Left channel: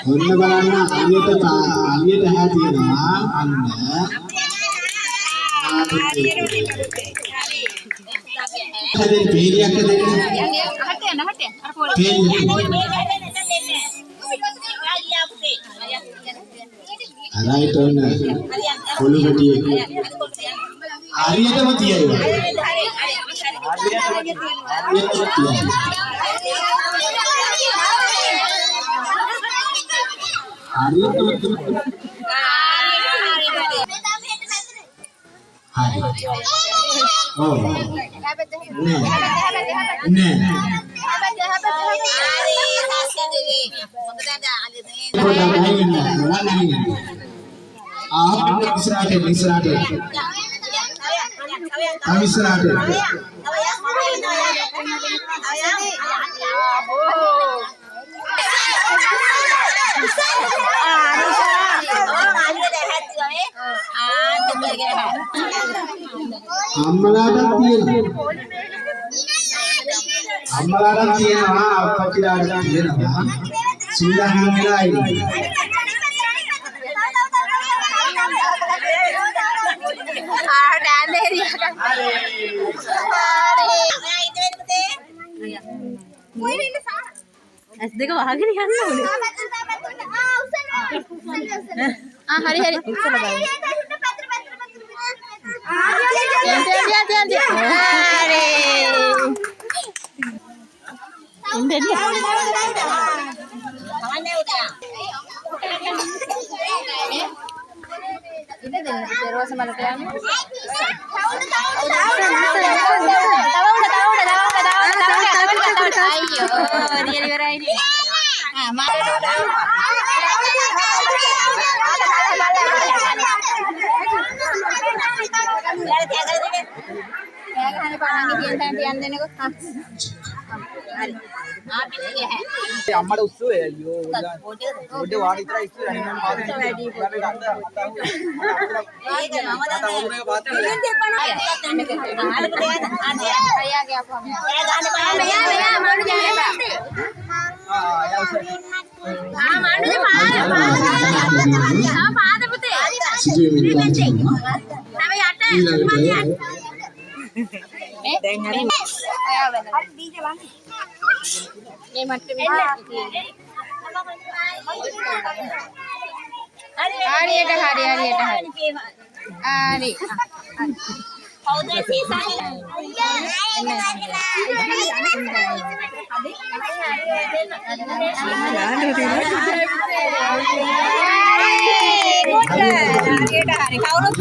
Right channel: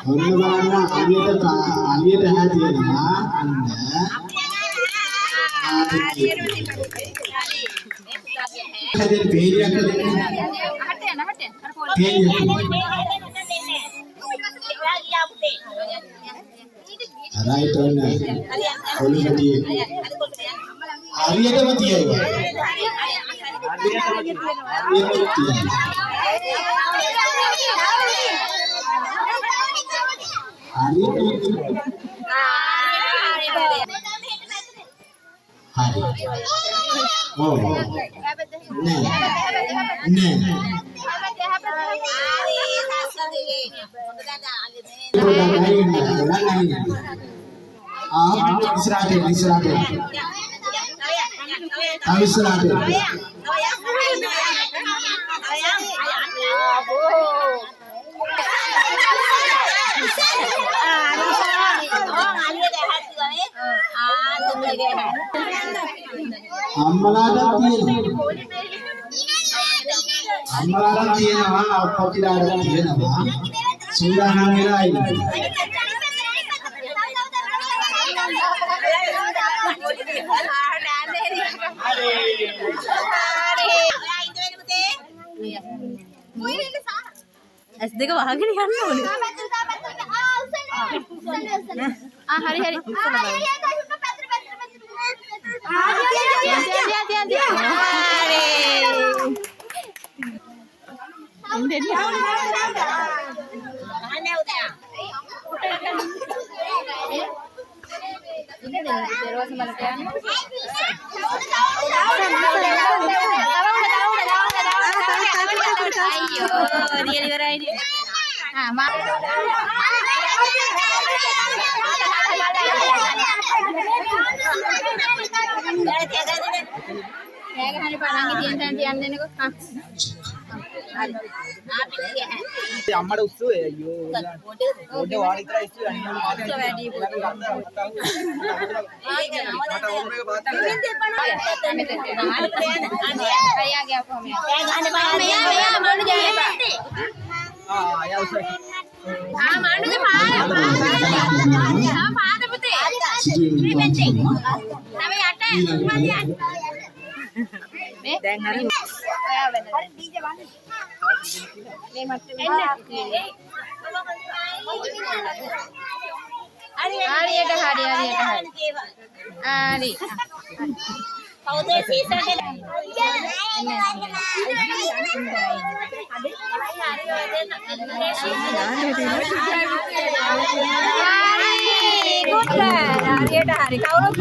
ඔන්න බලන්න අලියට හැදෙනවා අන්න හැදෙන බේරියක් රයිට් ඔන්න කොළු පැටියෙක් හරියටම තියයි අම්මලාට තියෙනවා අප්පච්චිලාට තියෙනවා සූදානම් වෙලා ඉන්නේ ඇස් දෙක වහගෙන යන්න ඕනේ. හරි හරි. අම්මට උස්සුවේ අයියෝ පොඩ වාඩි ඉතලා ඉස්සු දැන් හරි මේ මට්ටමේ හරියට හරි කවුද සීසන්නේ හරි කවුරුත්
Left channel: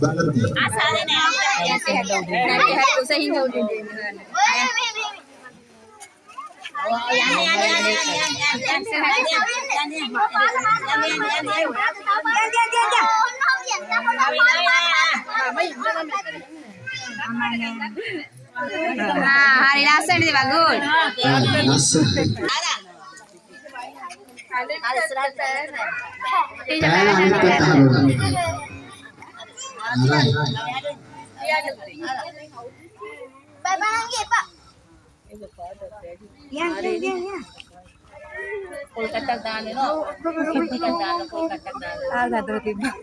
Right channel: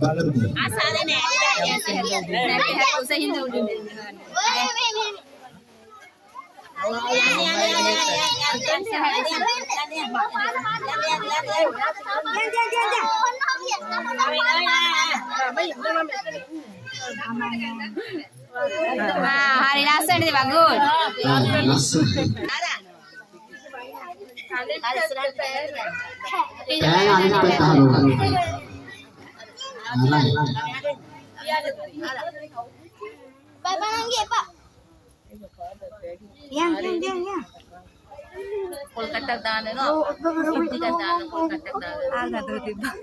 ආසාදනේ යන්නේ හරි උසහින්ද උඩින් hari lasan di bagus. Kolkata දාන්න නෝ. ටිකක් දාන්න කොල්කටක් දාන්න. ආ ගතව තිබ්බා.